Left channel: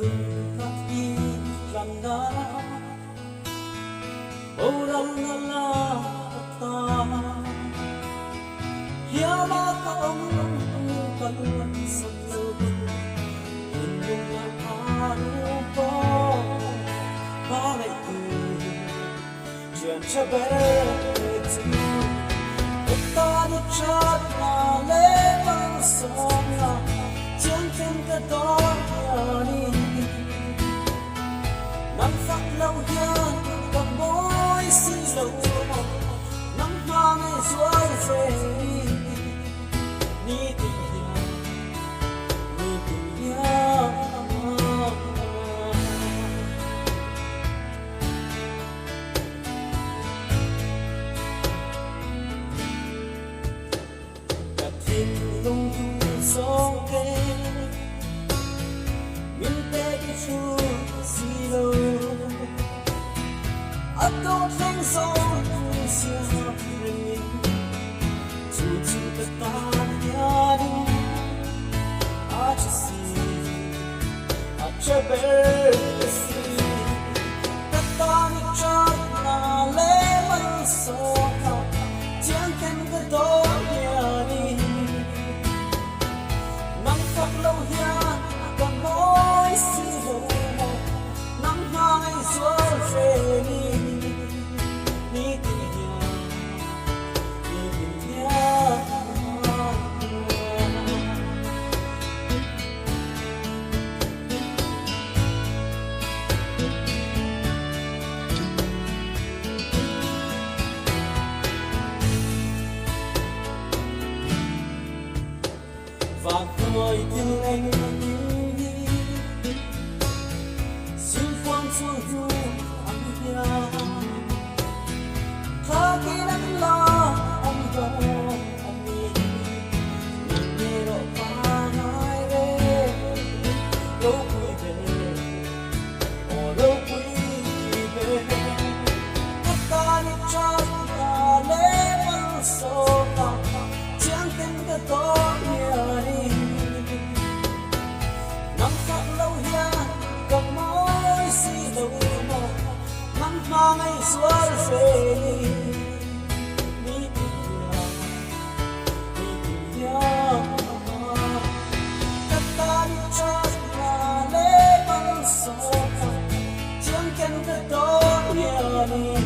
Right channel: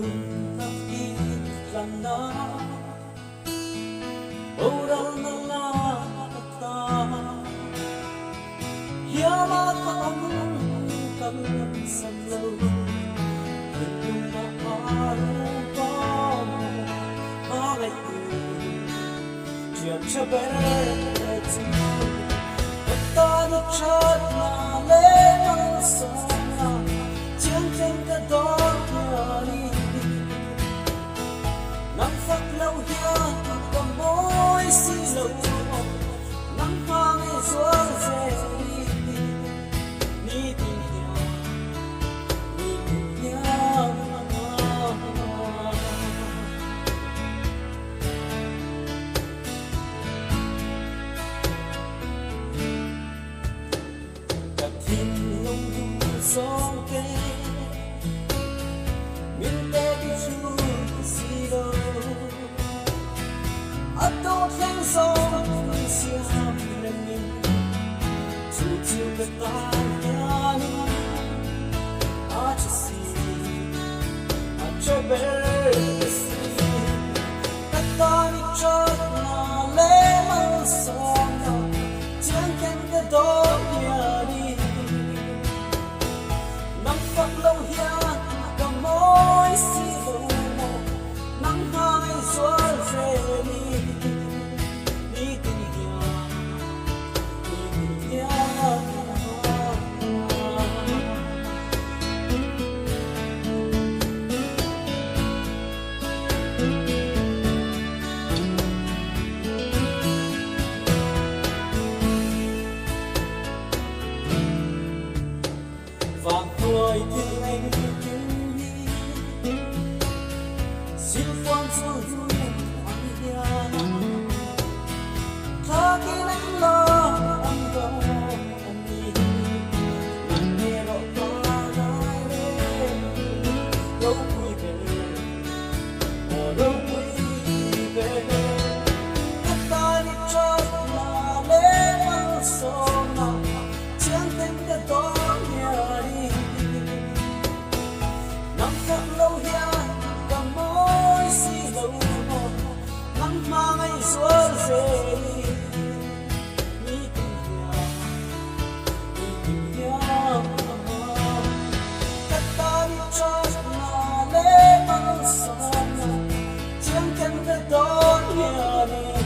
Lumaki landa Oral na lata Yama ka ang saklaw Inyong na araw pa Bakit ko Diyan siya beret Tani chat na lemang sana Diyan ka doon yani Nang faklaw yan Kamoy silaw mo Nang hangay suwal fei Ni diyan Katin long du song ke Min te di chu silaw Atong thang song siam lenin Chu katan yani Achisi Achabersi Katani chat na lemang sona Tiyan ken ka doon yani Nang faklaw yan Kamoy silaw mo Nang hangay suwal fei Và tôi thương anh như đi Xin quan cho dù anh kia Thà khi nắng lo anh có anh đi Mình nghe rõ qua hai rê Đâu quý về đâu quý về Các ta đi cho là lễ măng sâu nào Chẳng tên cái đó lâu ya cầm môi si lâu mò nắng mang ngày xuân về ni tình ya ta đi cho là lễ mong sầu chiang ken cái đó ya